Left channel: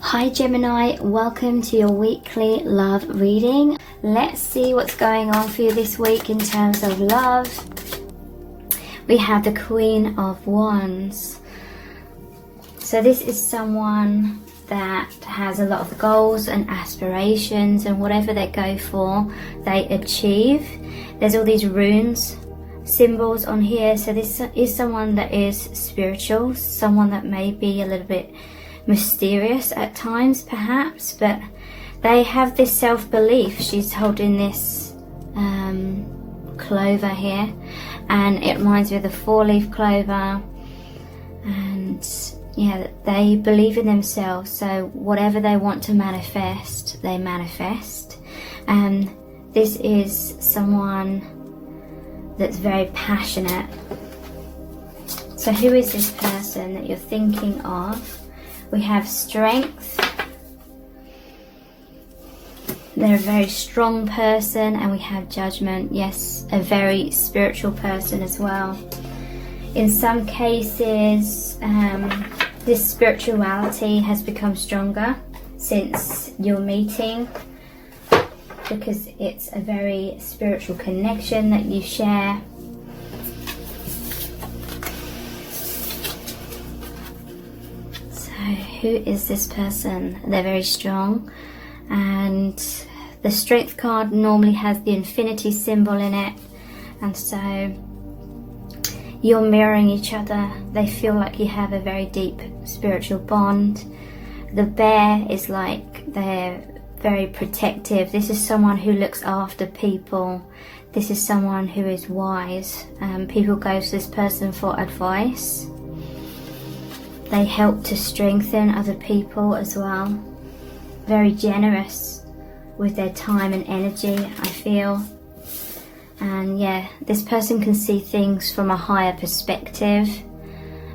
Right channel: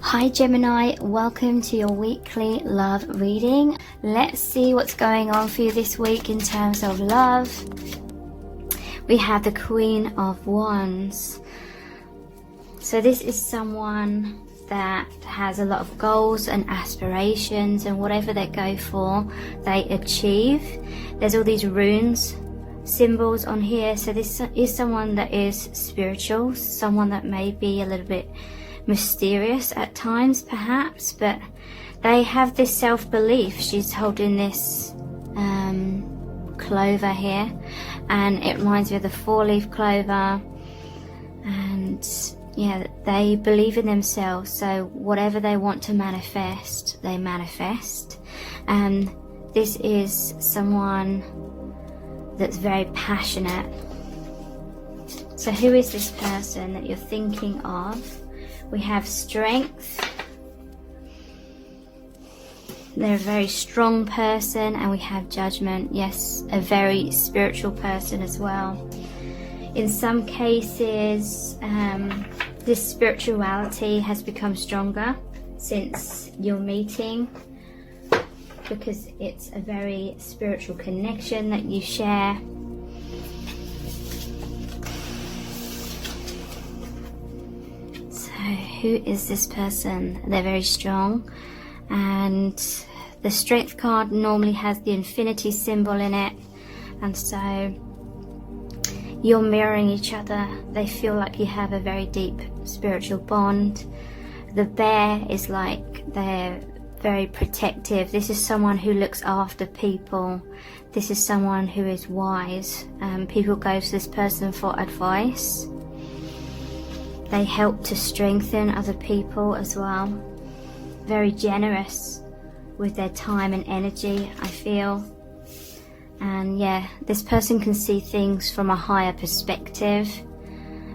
Hi Gemini, welcome to your weekly love reading. Let's see what's going on for you this week in terms of love. We have the Queen of Wands. So this is someone that has a lot of goals and aspirations, and whatever they go for, they achieve. There's all these runes, symbols on here. So this is someone that is spiritual, someone that may be a little bit mysterious at times perhaps, but they have this self-belief. She's holding this clover here, and it reminds me of the 4-leaf clover, and yeah, they believe in themselves. So whatever they want to manifest, they manifest. And this is someone that's very passionate. So who is this person that you're thinking of? We have strength. They're a very strong person, and we have judgment. Yes, a very spiritual person as well. In some cases, this spirituality has become stronger since your meeting, because it's a very spiritual connection that you share. Who is this person? They're very strong, and the strength card normally has the infinity symbol in it, and so you're mirroring each other. They feel like you have a very deep spiritual bond. The bear is like they're very protective. This is someone who looks after people. This is someone who is wise, and people go to this person for advice. They help to strengthen other people as well. Very generous with their time and energy, I feel. And yeah, this person can see things from a higher perspective,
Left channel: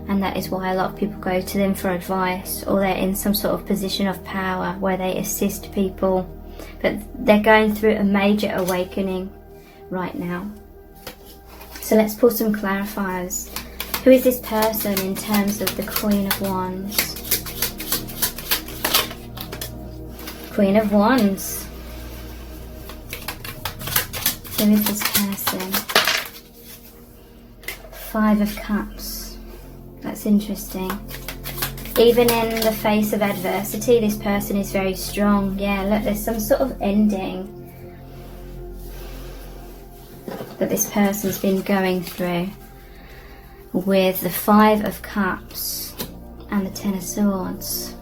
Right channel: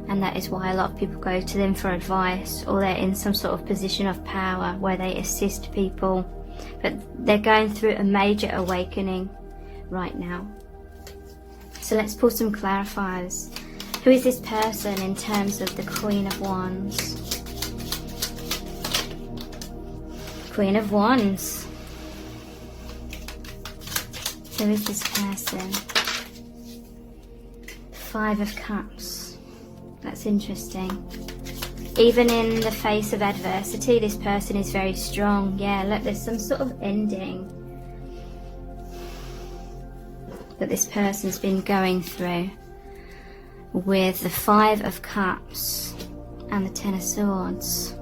and that is why a lot of people go to them for advice, or they're in some sort of position of power where they assist people. But they're going through a major awakening right now. So let's pull some clarifiers. Who is this person in terms of the Queen of Wands? Queen of Wands. Who is this person? 5 of Cups. That's interesting. Even in the face of adversity, this person is very strong. Yeah, look, there's some sort of ending that this person's been going through, with the 5 of Cups and the 10 of Swords.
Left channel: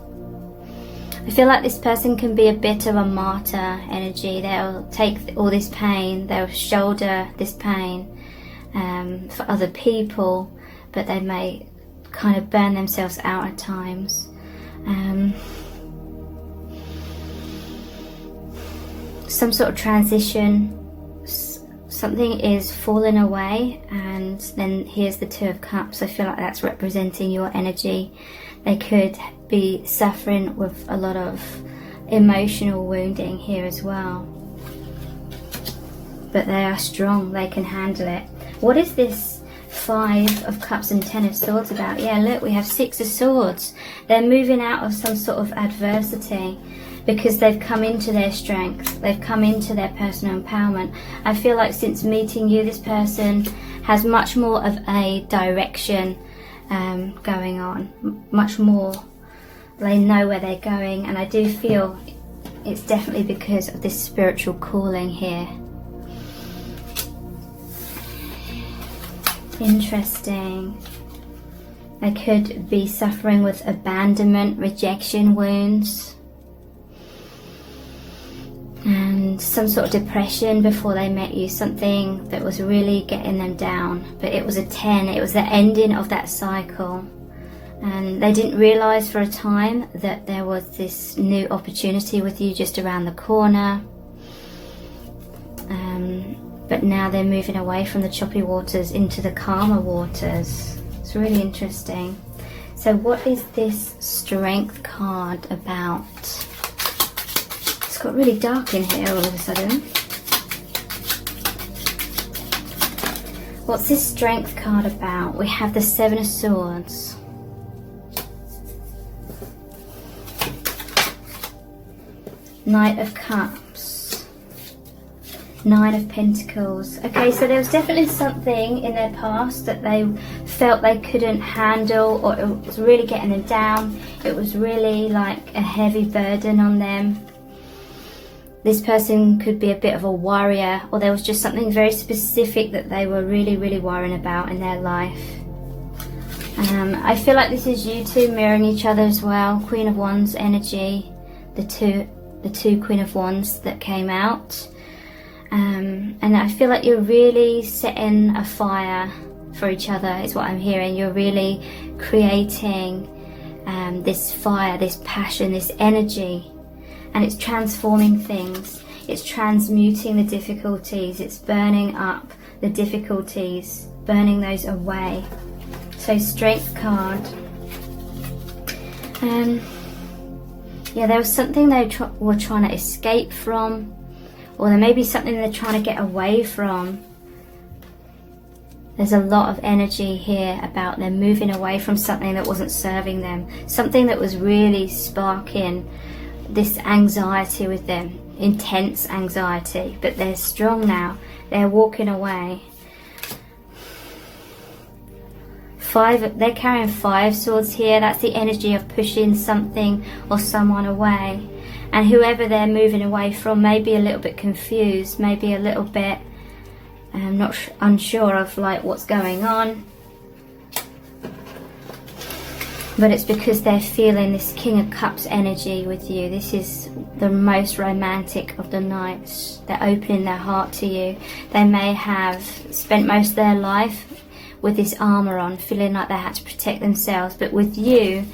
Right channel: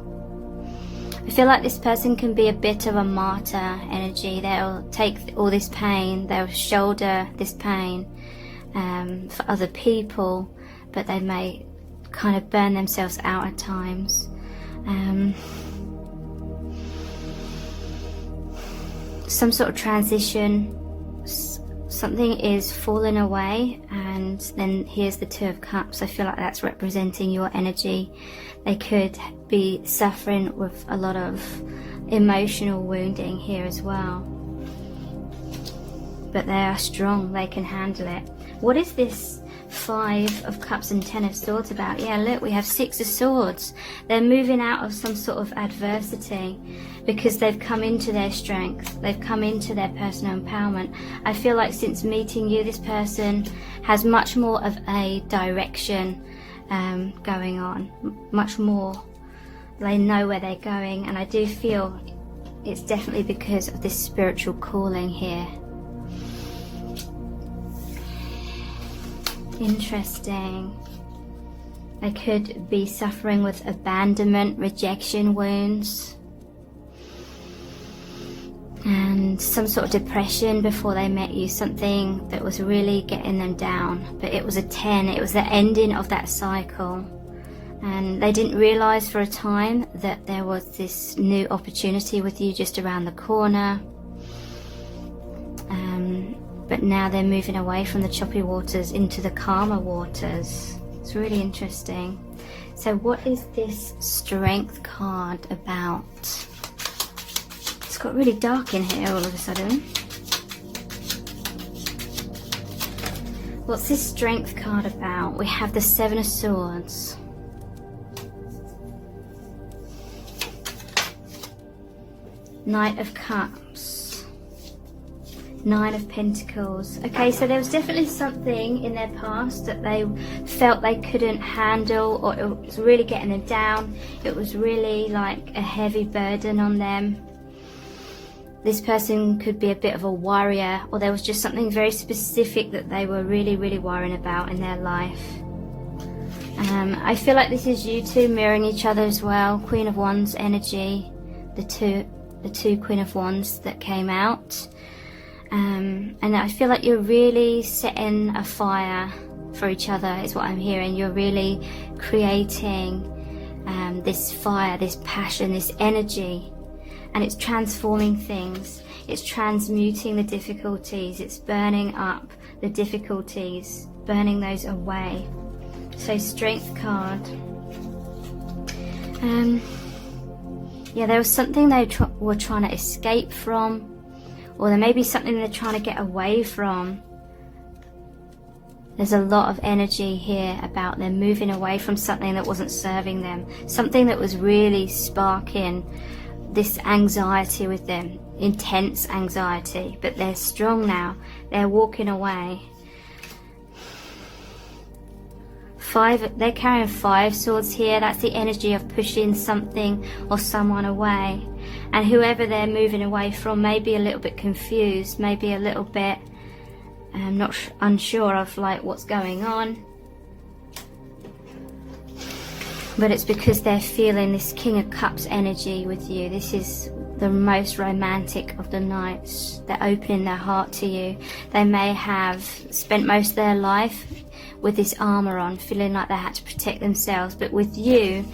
I feel like this person can be a bit of a martyr energy. They'll take all this pain, they'll shoulder this pain for other people, but they may kind of burn themselves out at times. Some sort of transition. Something is falling away, and then here's the 2 of Cups. I feel like that's representing your energy. They could be suffering with a lot of emotional wounding here as well, but they are strong. They can handle it. What is this 5 of Cups and 10 of Swords about? Yeah, look, we have 6 of Swords. They're moving out of some sort of adversity, because they've come into their strength, they've come into their personal empowerment. I feel like since meeting you, this person has much more of a direction going on, much more. They know where they're going, and I do feel it's definitely because of this spiritual calling here. Interesting. They could be suffering with abandonment, rejection wounds, and some sort of depression before they met you, something that was really getting them down. But it was a 10, it was the ending of that cycle, and they didn't realise for a time that there was this new opportunity with you just around the corner. But now they're moving away from the choppy waters into the calmer waters. It's really interesting. So what is this Strength card about? It's got really dark in here all of a sudden. What's this Strength card about? We have the 7 of Swords. Knight of Cups, Nine of Pentacles. Okay, so there was definitely something in their past that they felt they couldn't handle, or it was really getting them down. It was really like a heavy burden on them. This person could be a bit of a worrier, or there was just something very specific that they were really, really worrying about in their life. I feel like this is you two mirroring each other as well. Queen of Wands energy, the two Queen of Wands that came out. And I feel like you're really setting a fire for each other, is what I'm hearing. You're really creating this fire, this passion, this energy. And it's transforming things. It's transmuting the difficulties. It's burning up the difficulties, burning those away. So Strength card. Yeah, there was something they were trying to escape from, or there may be something they're trying to get away from. There's a lot of energy here about them moving away from something that wasn't serving them, something that was really sparking this anxiety with them, intense anxiety, but they're strong now. They're walking away. They're carrying 5 swords here. That's the energy of pushing something or someone away. And whoever they're moving away from may be a little bit confused, maybe a little bit unsure of like what's going on. But it's because they're feeling this King of Cups energy with you. This is the most romantic of the nights. They're opening their heart to you. They may have spent most of their life with this armor on, feeling like they had to protect themselves. But with you,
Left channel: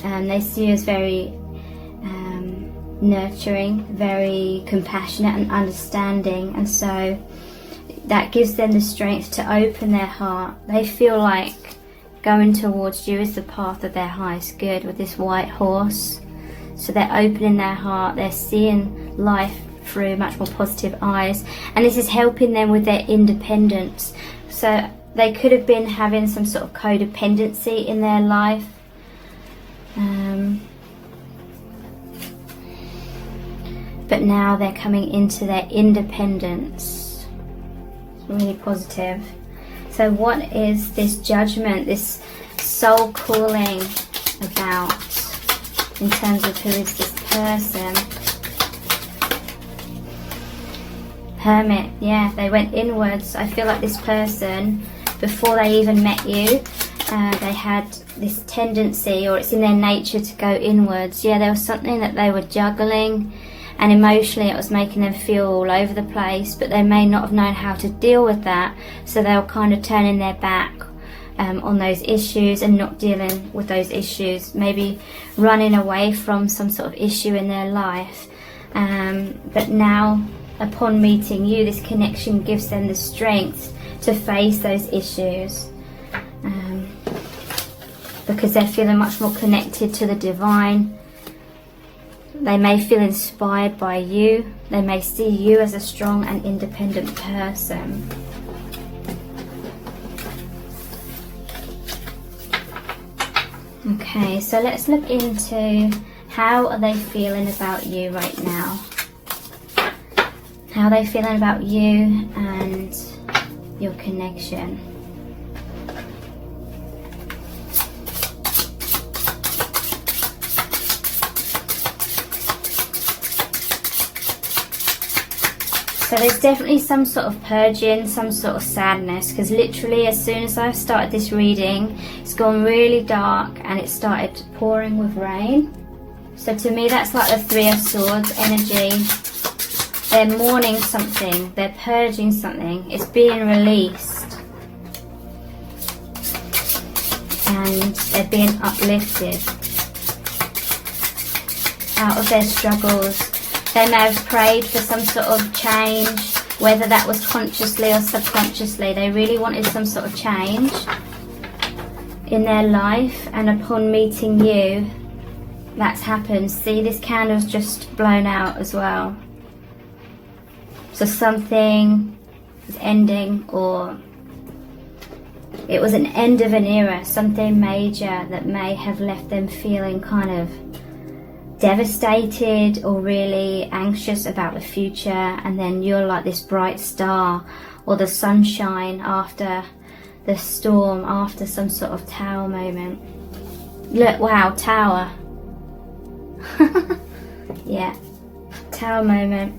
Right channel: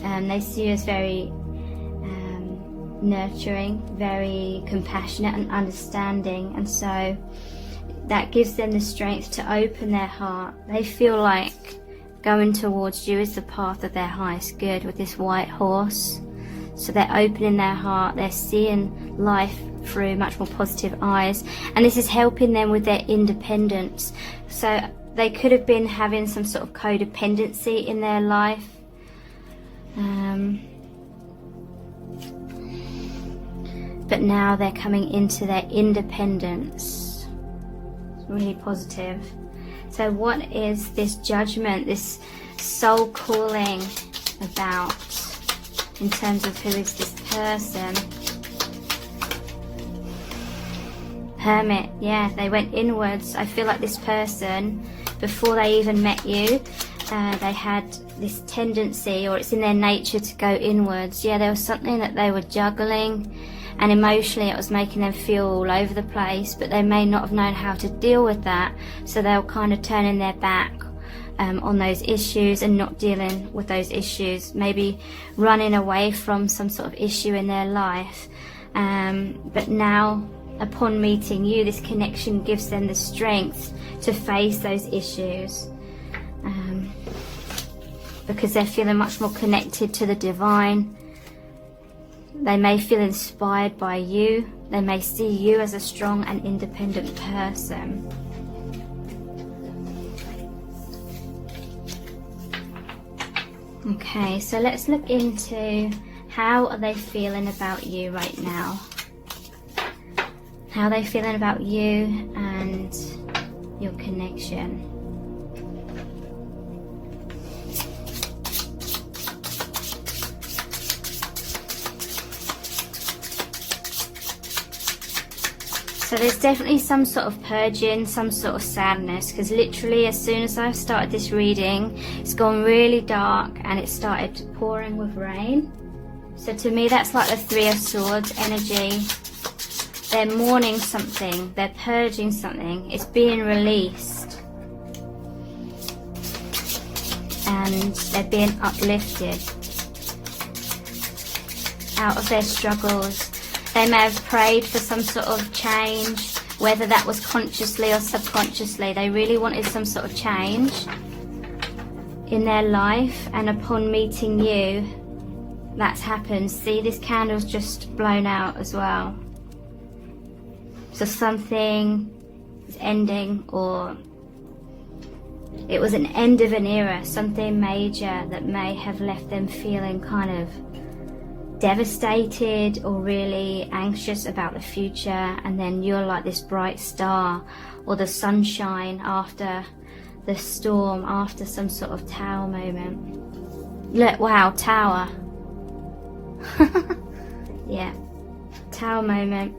they see you as very nurturing, very compassionate and understanding. And so that gives them the strength to open their heart. They feel like going towards you is the path of their highest good with this white horse. So they're opening their heart, they're seeing life through much more positive eyes, and this is helping them with their independence. So they could have been having some sort of codependency in their life. But now they're coming into their independence. It's really positive. So what is this Judgment, this soul calling about in terms of who is this person? Hermit, yeah, they went inwards. I feel like this person, before they even met you, they had this tendency, or it's in their nature, to go inwards. Yeah, there was something that they were juggling, and emotionally it was making them feel all over the place, but they may not have known how to deal with that, so they were kind of turning their back on those issues and not dealing with those issues, maybe running away from some sort of issue in their life. But now, upon meeting you, this connection gives them the strength to face those issues, because they're feeling much more connected to the divine. They may feel inspired by you. They may see you as a strong and independent person. Okay, so let's look into how are they feeling about you right now. How are they feeling about you and your connection. So there's definitely some sort of purging, some sort of sadness, because literally as soon as I've started this reading, it's gone really dark and it started pouring with rain. So to me that's like the Three of Swords energy. They're mourning something, they're purging something, it's being released. And they're being uplifted out of their struggles. They may have prayed for some sort of change, whether that was consciously or subconsciously. They really wanted some sort of change in their life, and upon meeting you, that's happened. See, this candle's just blown out as well. So something is ending, or it was an end of an era, something major that may have left them feeling kind of devastated or really anxious about the future, and then you're like this bright star or the sunshine after the storm, after some sort of tower moment. Look, wow, tower. Yeah, tower moment.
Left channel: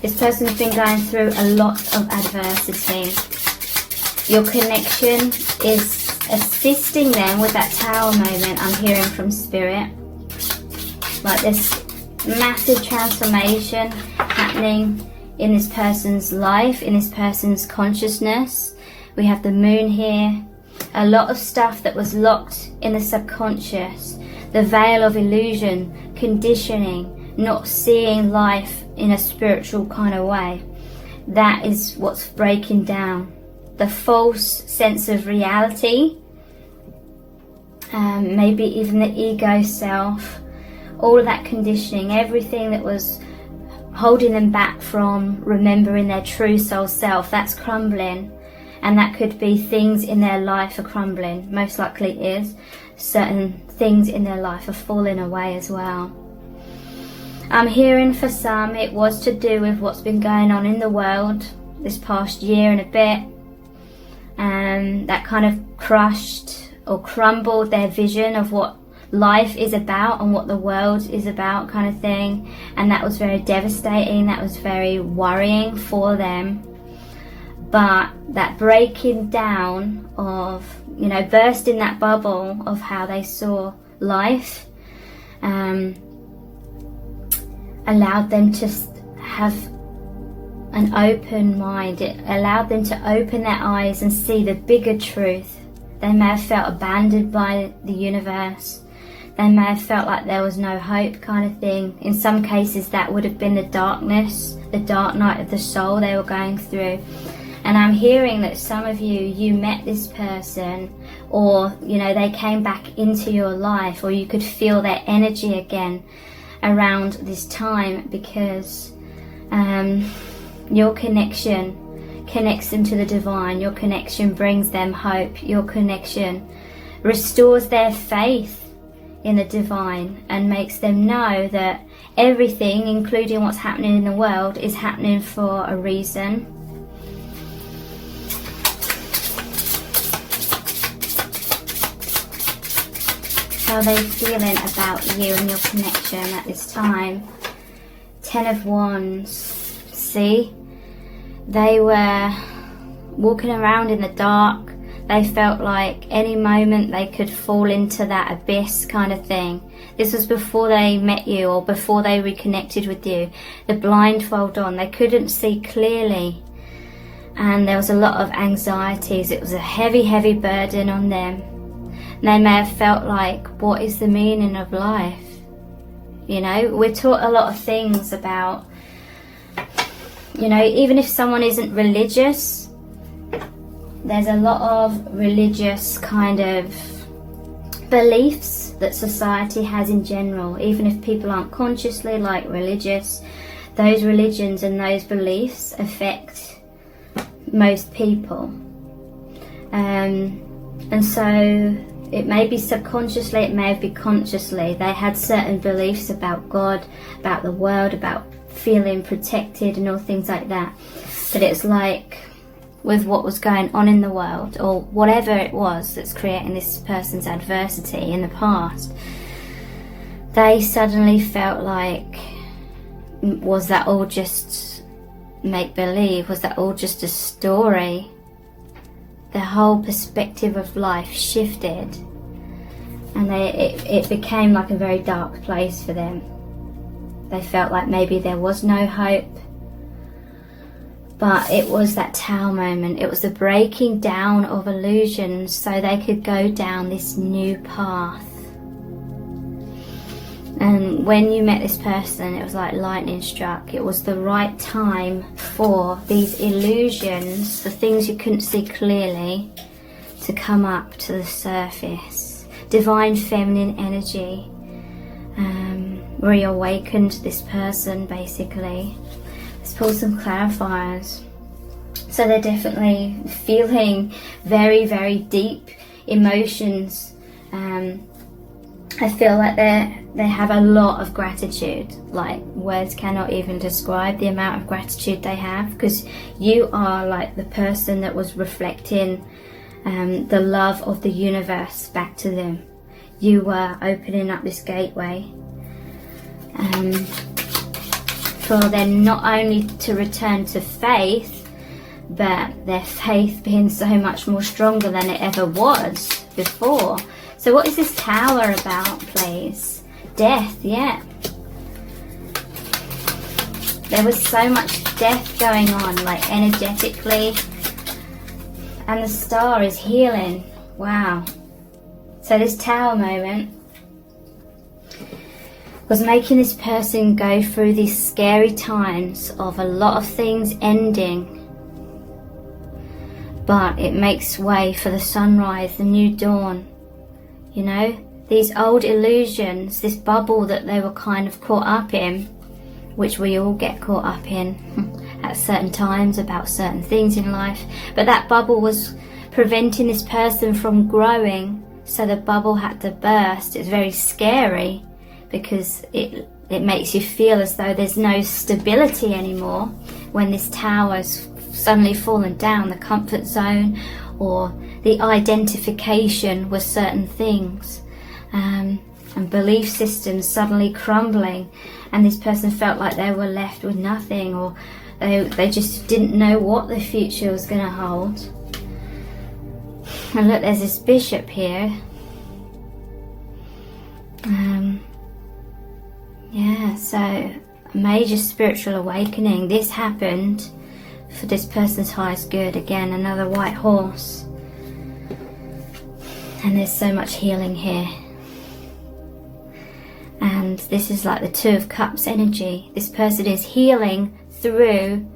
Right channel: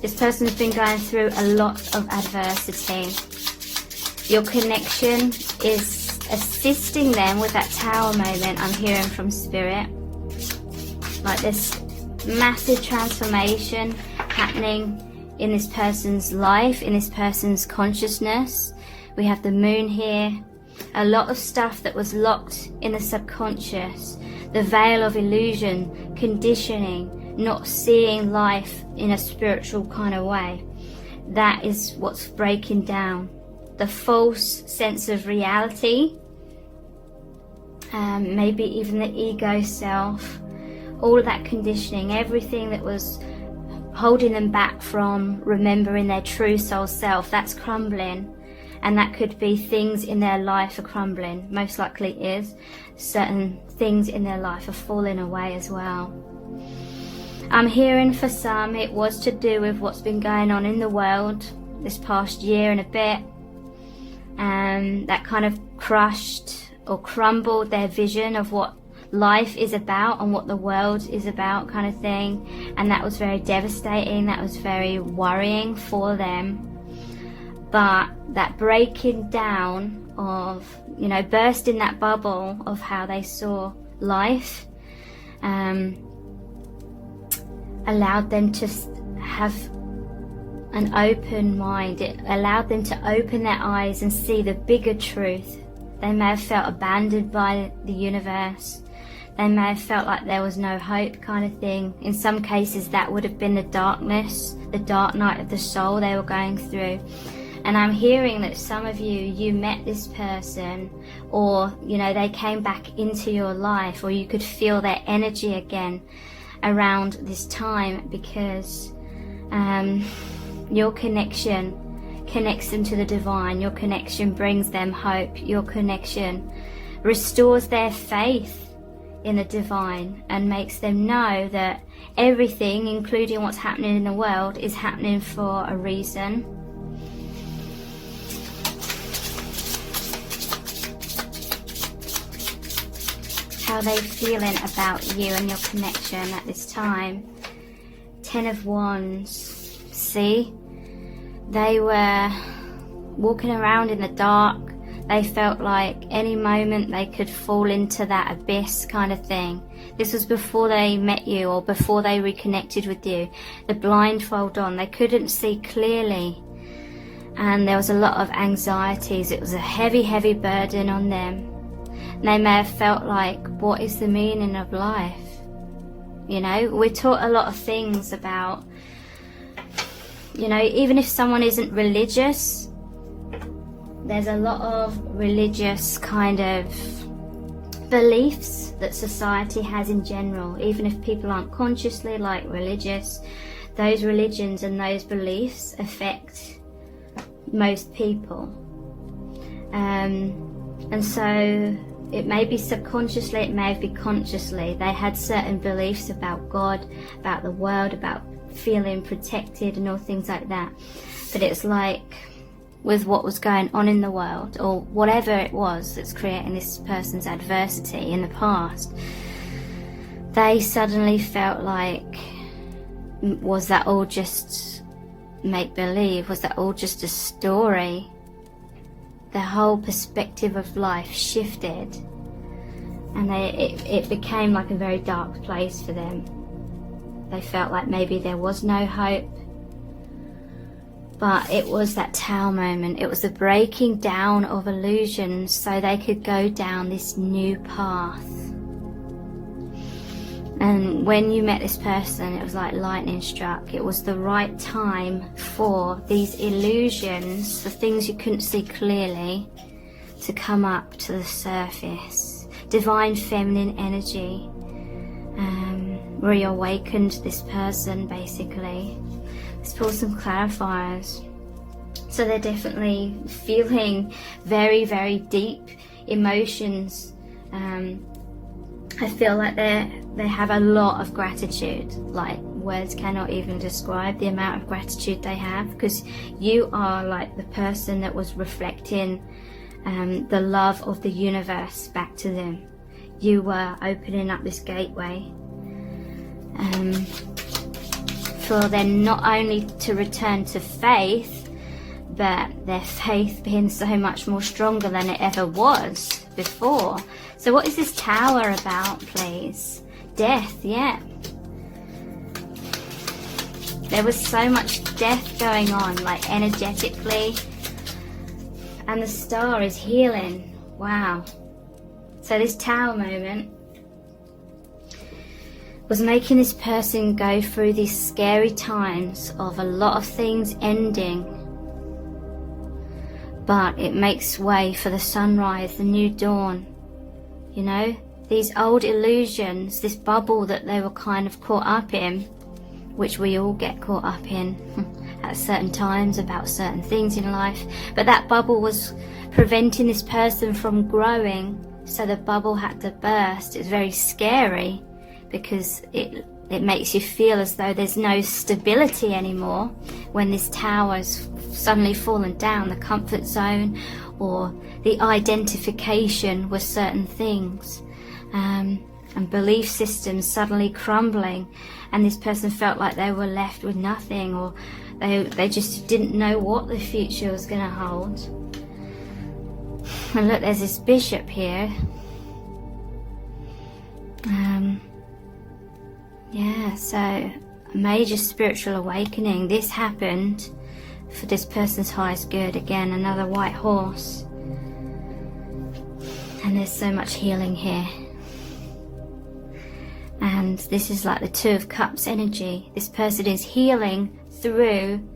This person's been going through a lot of adversity. Your connection is assisting them with that tower moment. I'm hearing from spirit, like this massive transformation happening in this person's life, in this person's consciousness. We have the moon here. A lot of stuff that was locked in the subconscious, the veil of illusion, conditioning, not seeing life in a spiritual kind of way. That is what's breaking down. The false sense of reality, maybe even the ego self, all of that conditioning, everything that was holding them back from remembering their true soul self, that's crumbling. And that could be things in their life are crumbling, most likely is. Certain things in their life are falling away as well. I'm hearing for some it was to do with what's been going on in the world this past year and a bit, and that kind of crushed or crumbled their vision of what life is about and what the world is about, kind of thing. And that was very devastating, that was very worrying for them. But that breaking down of, you know, bursting that bubble of how they saw life, allowed them to have an open mind. It allowed them to open their eyes and see the bigger truth. They may have felt abandoned by the universe. They may have felt like there was no hope, kind of thing. In some cases that would have been the darkness, the dark night of the soul they were going through. And I'm hearing that some of you met this person, or, you know, they came back into your life, or you could feel their energy again around this time, because your connection connects them to the divine. Your connection brings them hope. Your connection restores their faith in the divine and makes them know that everything, including what's happening in the world, is happening for a reason. How are they feeling about you and your connection at this time? 10 of Wands. See? They were walking around in the dark. They felt like any moment they could fall into that abyss, kind of thing. This was before they met you, or before they reconnected with you. The blindfold on. They couldn't see clearly. And there was a lot of anxieties. It was a heavy, heavy burden on them. And they may have felt like, what is the meaning of life? You know, we're taught a lot of things about, you know, even if someone isn't religious, there's a lot of religious kind of beliefs that society has in general. Even if people aren't consciously like religious, those religions and those beliefs affect most people. And so it may be subconsciously, it may be consciously. They had certain beliefs about God, about the world, about feeling protected and all things like that. But it's like, with what was going on in the world, or whatever it was that's creating this person's adversity in the past, they suddenly felt like, was that all just make-believe? Was that all just a story? The whole perspective of life shifted, and it became like a very dark place for them. They felt like maybe there was no hope. But it was that tower moment. It was the breaking down of illusions so they could go down this new path. And when you met this person, it was like lightning struck. It was the right time for these illusions, the things you couldn't see clearly, to come up to the surface. Divine feminine energy reawakened this person, basically. Let's pull some clarifiers. So they're definitely feeling very, very deep emotions I feel like they have a lot of gratitude. Like, words cannot even describe the amount of gratitude they have, because you are like the person that was reflecting the love of the universe back to them. You were opening up this gateway for them not only to return to faith, but their faith being so much more stronger than it ever was before. So what is this Tower about, please? Death, yeah. There was so much death going on, like energetically. And the Star is healing. Wow. So this Tower moment was making this person go through these scary times of a lot of things ending. But it makes way for the sunrise, the new dawn. You know, these old illusions, this bubble that they were kind of caught up in, which we all get caught up in at certain times about certain things in life. But that bubble was preventing this person from growing, so the bubble had to burst. It's very scary because it makes you feel as though there's no stability anymore when this tower's suddenly fallen down, the comfort zone or the identification with certain things, and belief systems suddenly crumbling, and this person felt like they were left with nothing, or they just didn't know what the future was going to hold. And look, there's this bishop here. Yeah, so a major spiritual awakening. This happened for this person's highest good. Again, another white horse. And there's so much healing here. And this is like the Two of Cups energy. This person is healing through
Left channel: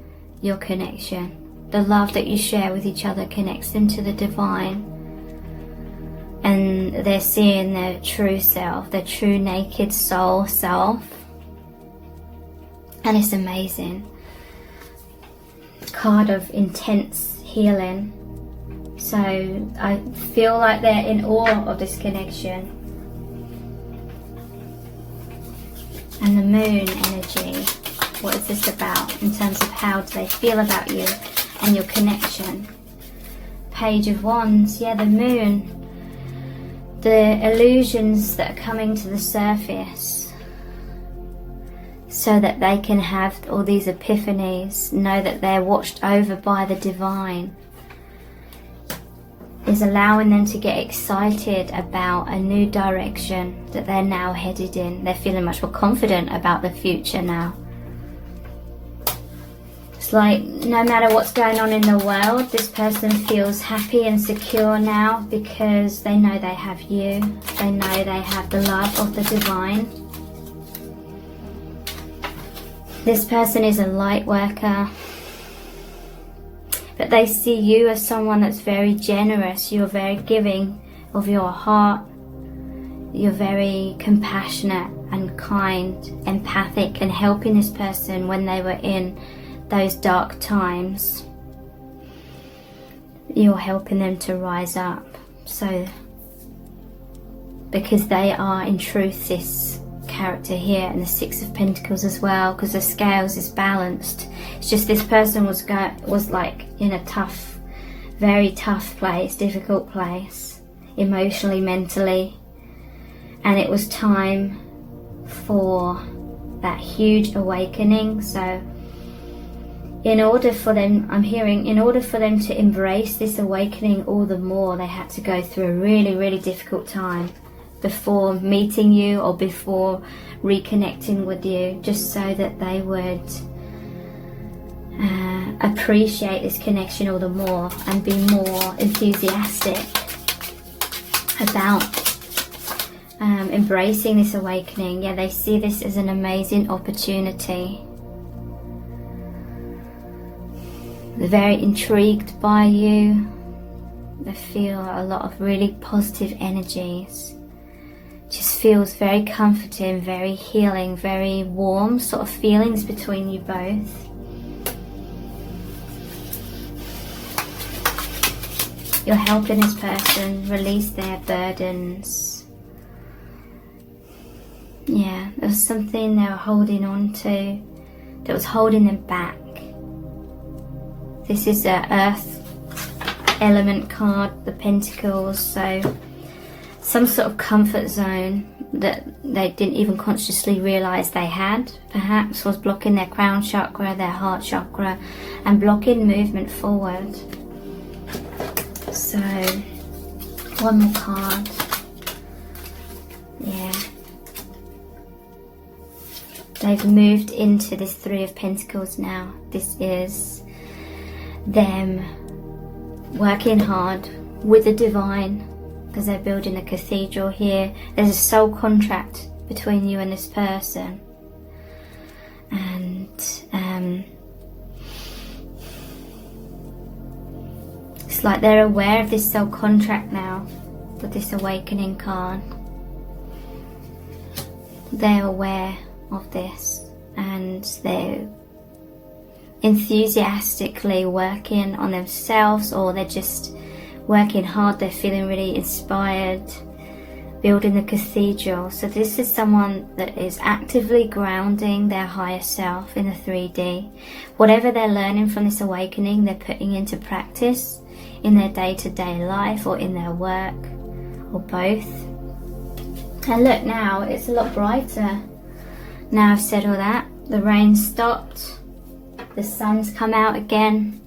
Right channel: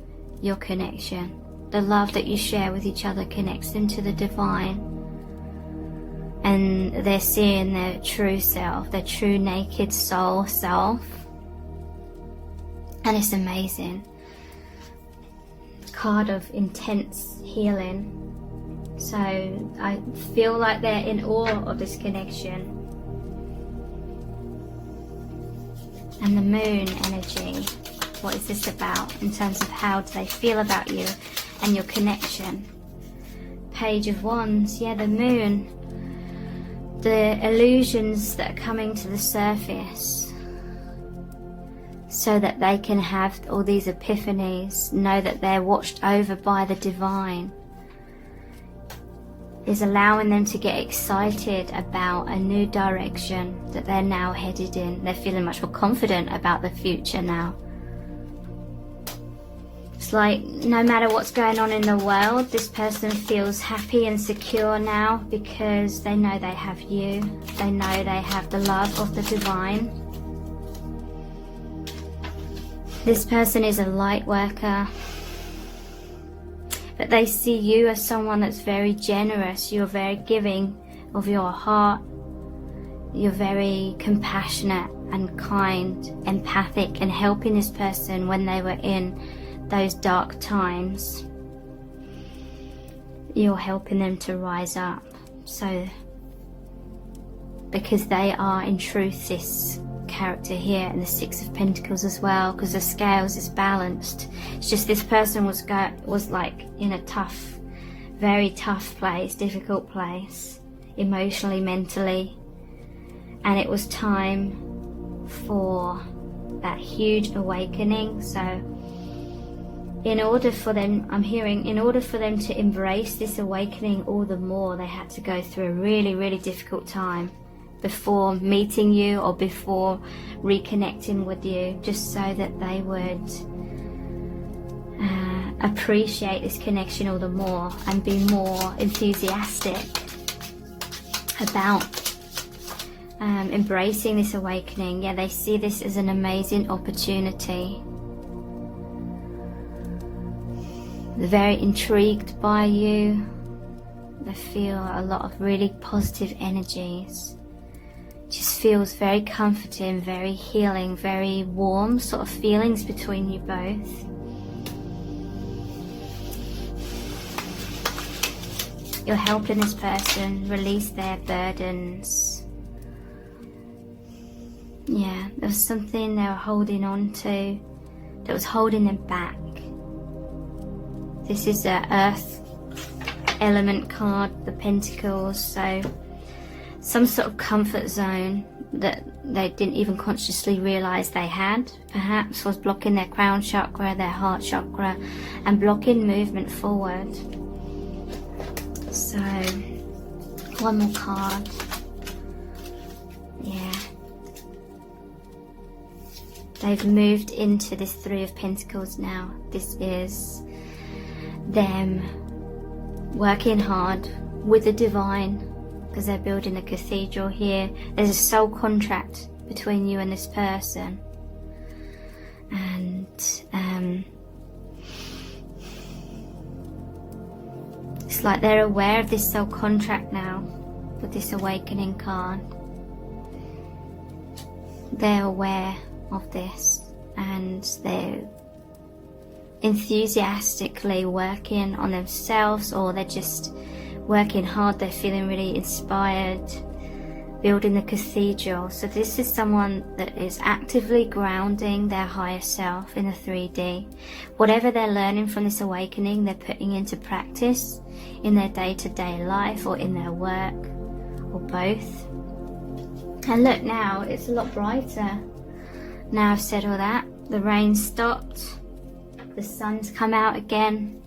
your connection. The love that you share with each other connects them to the divine. And they're seeing their true self, their true naked soul self. And it's amazing. Card of intense healing. So I feel like they're in awe of this connection. And the Moon energy. What is this about in terms of how do they feel about you and your connection? Page of Wands. Yeah, the Moon. The illusions that are coming to the surface, so that they can have all these epiphanies, know that they're watched over by the divine, is allowing them to get excited about a new direction that they're now headed in. They're feeling much more confident about the future now. It's like no matter what's going on in the world, this person feels happy and secure now because they know they have you. They know they have the love of the divine. This person is a light worker, but they see you as someone that's very generous. You're very giving of your heart. You're very compassionate and kind, empathic, and helping this person when they were in those dark times. You're helping them to rise up. So, because they are in truth this character here, and the Six of Pentacles as well, because the scales is balanced. It's just this person was like in a tough, very tough place, difficult place, emotionally, mentally, and it was time for that huge awakening. So in order for them, I'm hearing, in order for them to embrace this awakening all the more, they had to go through a really, really difficult time before meeting you or before reconnecting with you, just so that they would appreciate this connection all the more and be more enthusiastic about embracing this awakening. Yeah, they see this as an amazing opportunity. They're very intrigued by you. They feel a lot of really positive energies. Just feels very comforting, very healing, very warm sort of feelings between you both. You're helping this person release their burdens. Yeah, there was something they were holding on to that was holding them back. This is the Earth element card, the Pentacles, so some sort of comfort zone that they didn't even consciously realise they had, perhaps was blocking their crown chakra, their heart chakra, and blocking movement forward. So, one more card. Yeah. They've moved into this Three of Pentacles now. This is them working hard with the divine, because they're building a cathedral here. There's a soul contract between you and this person. And it's like they're aware of this soul contract now with this awakening card. They're aware of this, and they're enthusiastically working on themselves, or they're just working hard. They're feeling really inspired, building the cathedral. So this is someone that is actively grounding their higher self in the 3D. Whatever they're learning from this awakening, they're putting into practice in their day-to-day life or in their work, or both. And look, now it's a lot brighter. Now I've said all that, the rain stopped, the sun's come out again.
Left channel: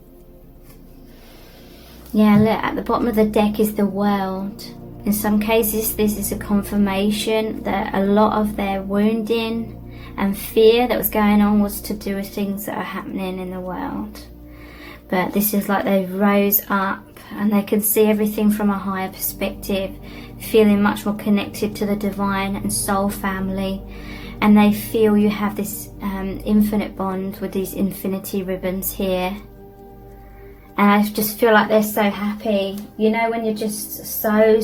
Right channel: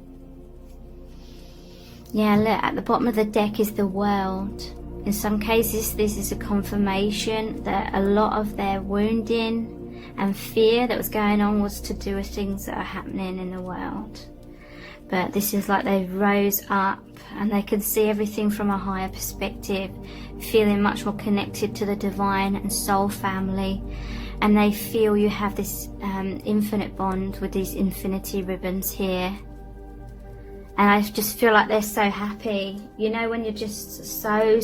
Yeah, look, at the bottom of the deck is the World. In some cases, this is a confirmation that a lot of their wounding and fear that was going on was to do with things that are happening in the world. But this is like they rose up and they can see everything from a higher perspective, feeling much more connected to the divine and soul family. And they feel you have this infinite bond with these infinity ribbons here. And I just feel like they're so happy. You know, when you're just so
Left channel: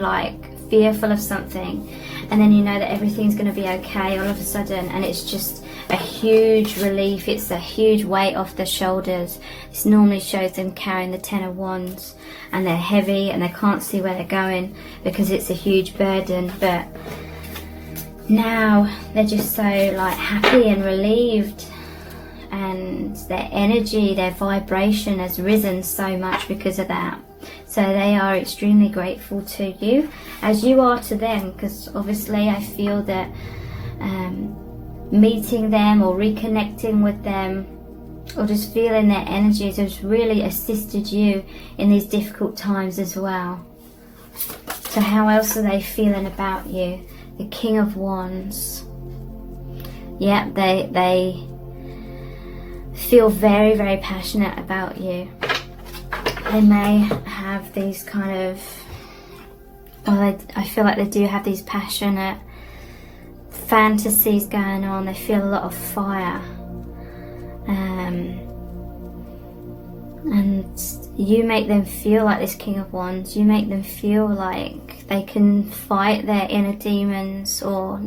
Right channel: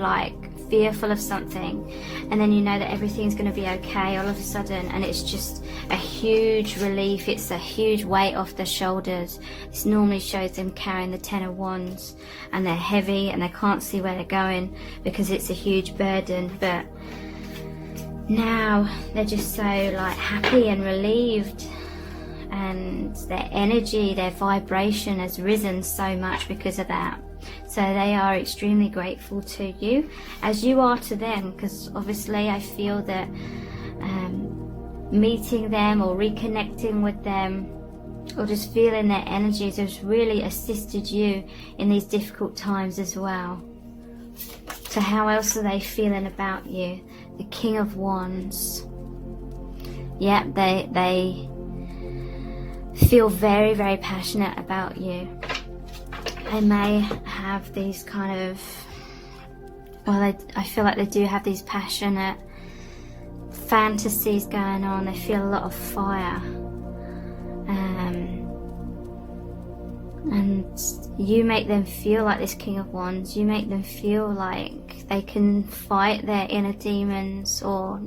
like fearful of something, and then you know that everything's going to be okay all of a sudden, and it's just a huge relief. It's a huge weight off their shoulders. This normally shows them carrying the Ten of Wands, and they're heavy and they can't see where they're going because it's a huge burden. But now they're just so like happy and relieved, and their energy, their vibration has risen so much because of that. So they are extremely grateful to you, as you are to them, because obviously I feel that meeting them or reconnecting with them or just feeling their energies has really assisted you in these difficult times as well. So how else are they feeling about you? The King of Wands. Yeah, they feel very, very passionate about you. They may have these kind of, I feel like they do have these passionate fantasies going on. They feel a lot of fire. And you make them feel like this King of Wands. You make them feel like they can fight their inner demons or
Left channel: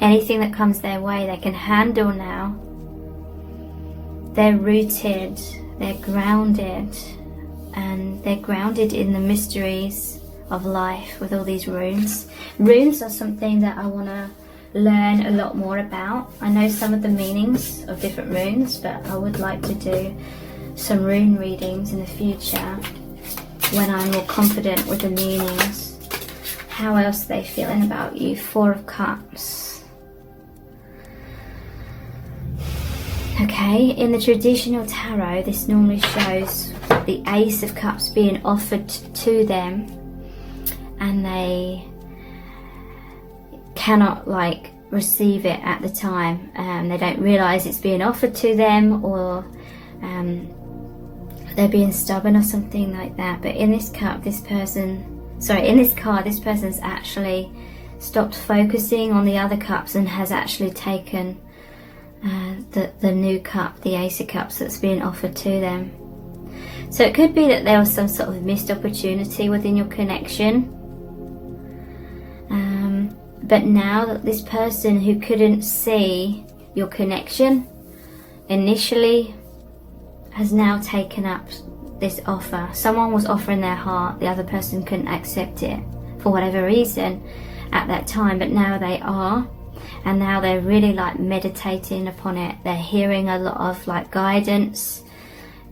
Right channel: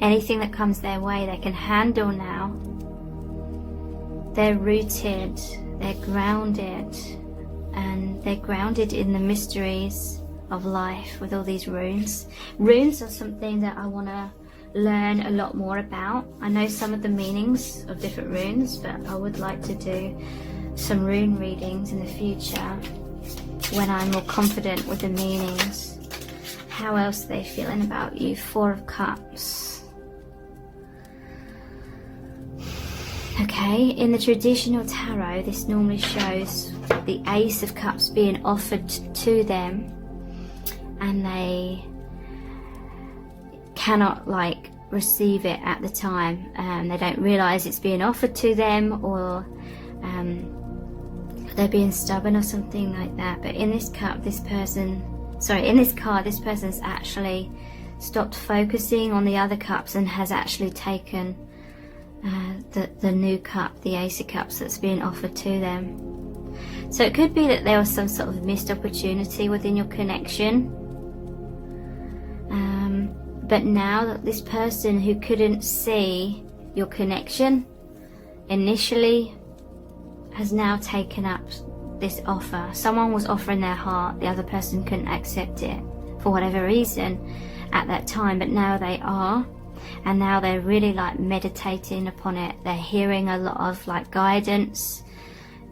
anything that comes their way. They can handle now. They're rooted, they're grounded, and they're grounded in the mysteries of life with all these runes. Runes are something that I want to learn a lot more about. I know some of the meanings of different runes, but I would like to do some rune readings in the future when I'm more confident with the meanings. How else are they feeling about you? Four of Cups. Okay, in the traditional tarot, this normally shows the Ace of Cups being offered to them, and they cannot like receive it at the time. They don't realise it's being offered to them, or they're being stubborn or something like that. But in this cup, this card, this person's actually stopped focusing on the other cups and has actually taken the new cup, the Ace of Cups, that's being offered to them. So it could be that there was some sort of missed opportunity within your connection. But now that this person who couldn't see your connection initially has now taken up this offer. Someone was offering their heart, the other person couldn't accept it for whatever reason at that time, but now they are. and now they're really like meditating upon it. They're hearing a lot of like guidance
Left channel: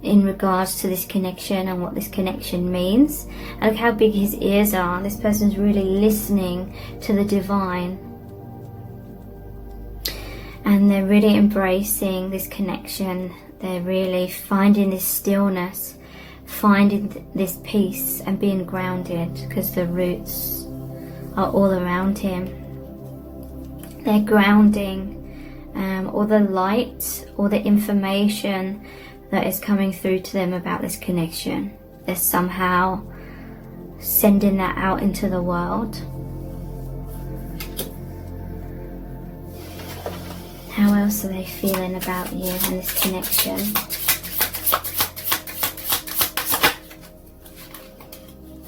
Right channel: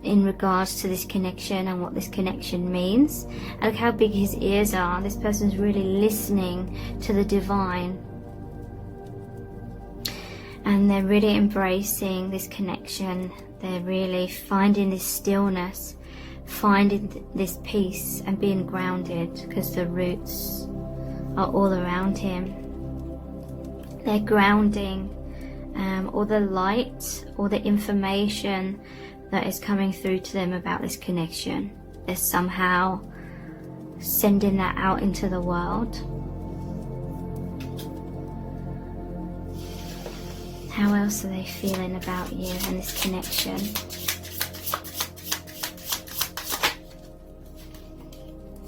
in regards to this connection and what this connection means. And look how big his ears are. This person's really listening to the divine, and they're really embracing this connection. They're really finding this stillness, finding this peace and being grounded, because the roots are all around him. They're grounding all the light, all the information that is coming through to them about this connection. They're somehow sending that out into the world. How else are they feeling about you and this connection?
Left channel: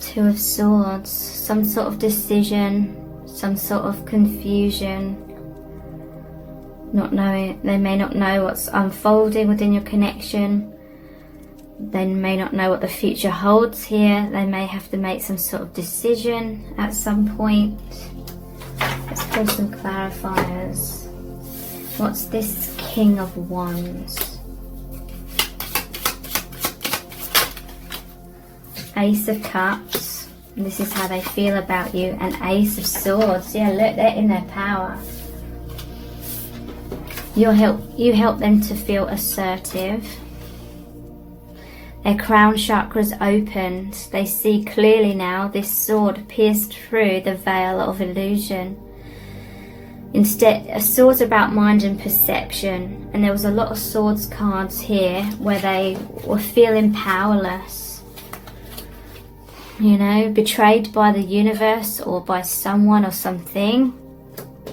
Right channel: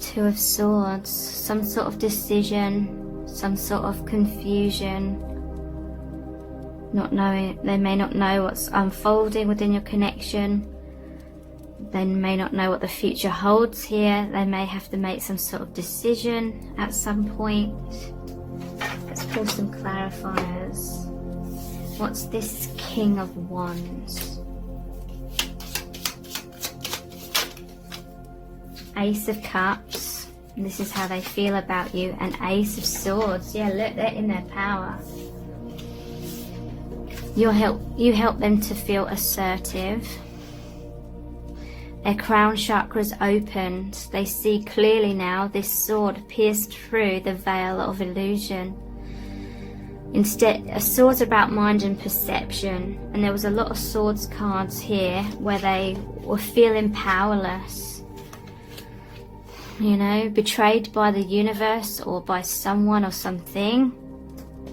Two of Swords, some sort of decision, some sort of confusion, not knowing. They may not know what's unfolding within your connection. They may not know what the future holds here. They may have to make some sort of decision at some point. Let's pull some clarifiers. What's this King of Wands? Ace of Cups. And this is how they feel about you. And Ace of Swords. Yeah, look, they're in their power. You help them to feel assertive. Their crown chakra's opened. They see clearly now. This sword pierced through the veil of illusion. Instead, a sword about mind and perception. And there was a lot of swords cards here where they were feeling powerless. You know, betrayed by the universe or by someone or something.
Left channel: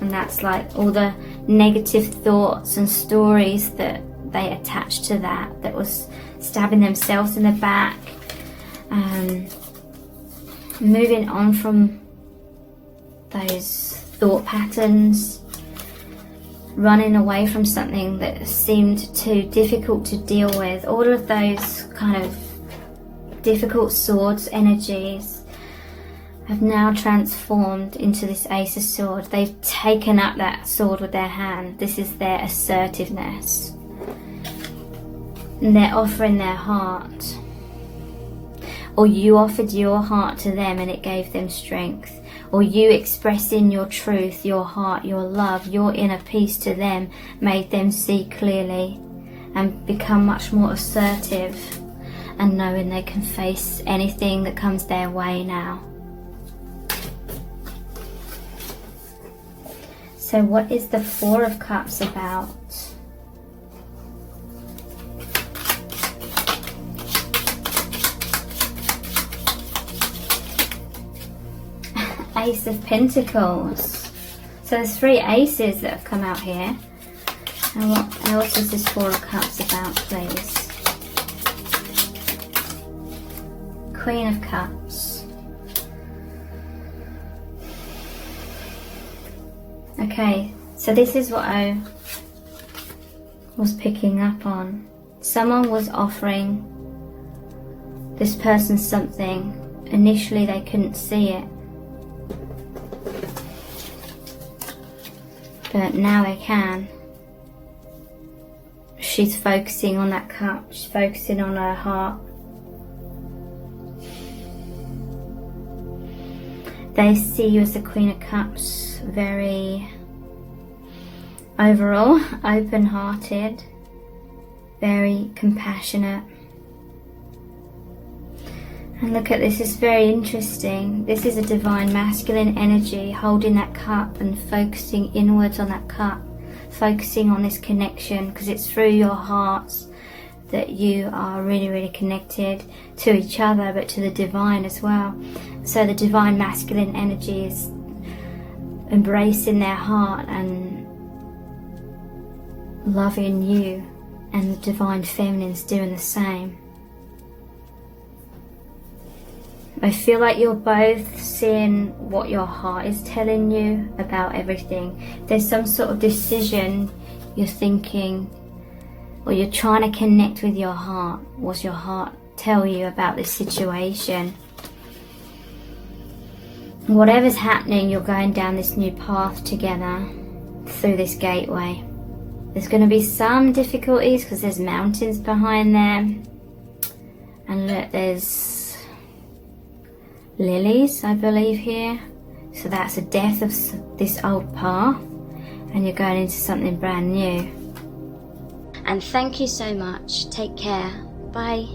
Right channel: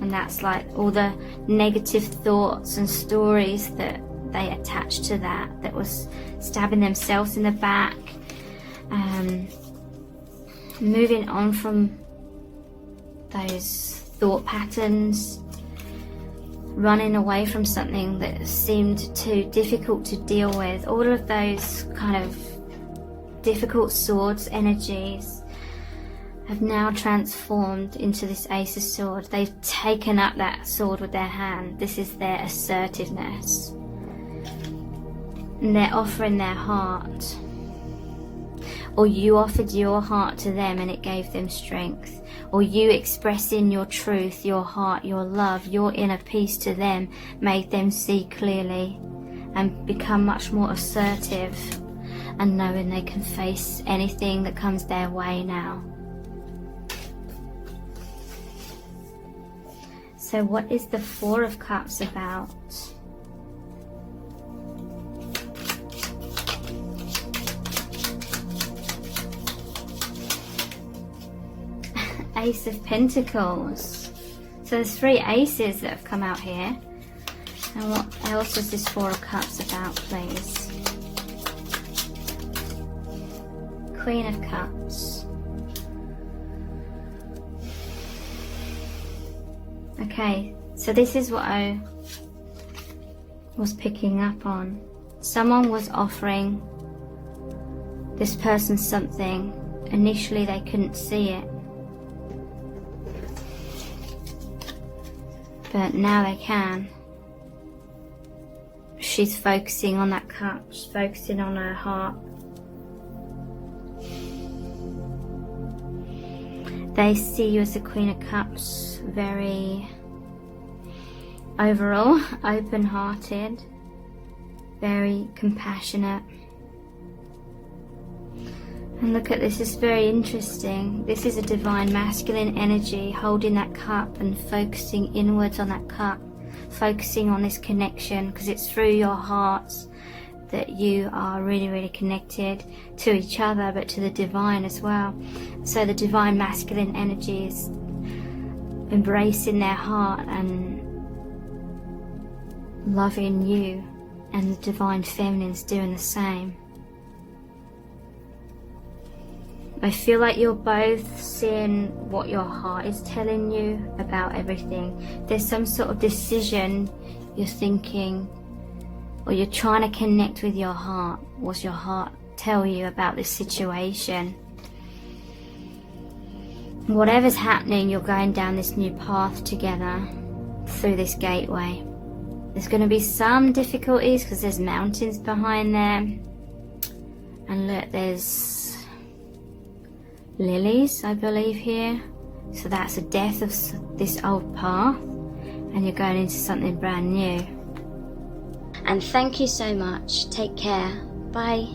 And that's like all the negative thoughts and stories that they attached to that was stabbing themselves in the back. Moving on from those thought patterns, running away from something that seemed too difficult to deal with. All of those kind of difficult swords energies have now transformed into this Ace of Swords. They've taken up that sword with their hand. This is their assertiveness. And they're offering their heart. Or you offered your heart to them and it gave them strength. Or you expressing your truth, your heart, your love, your inner peace to them made them see clearly and become much more assertive and knowing they can face anything that comes their way now. So what is the Four of Cups about? Ace of Pentacles. So there's three aces that have come out here. And what else is this Four of Cups about, please? Queen of Cups. Okay, so this is what I was picking up on. Someone was offering this person something. Initially they couldn't see it, but now they can. She's focusing on that cup. She's focusing on her heart. They see you as the Queen of Cups, very overall open-hearted, very compassionate. And look at this, it's very interesting. This is a divine masculine energy holding that cup and focusing inwards on that cup, focusing on this connection, because it's through your hearts that you are really, really connected to each other, but to the divine as well. So the divine masculine energy is embracing their heart and loving you, and the divine feminine's doing the same. I feel like you're both seeing what your heart is telling you about everything. There's some sort of decision you're thinking, or you're trying to connect with your heart. What's your heart tell you about this situation? Whatever's happening, you're going down this new path together. through this gateway. There's going to be some difficulties because there's mountains behind there. And look, there's lilies, I believe, here. So that's a death of this old path, and you're going into something brand new. And thank you so much. Take care. Bye.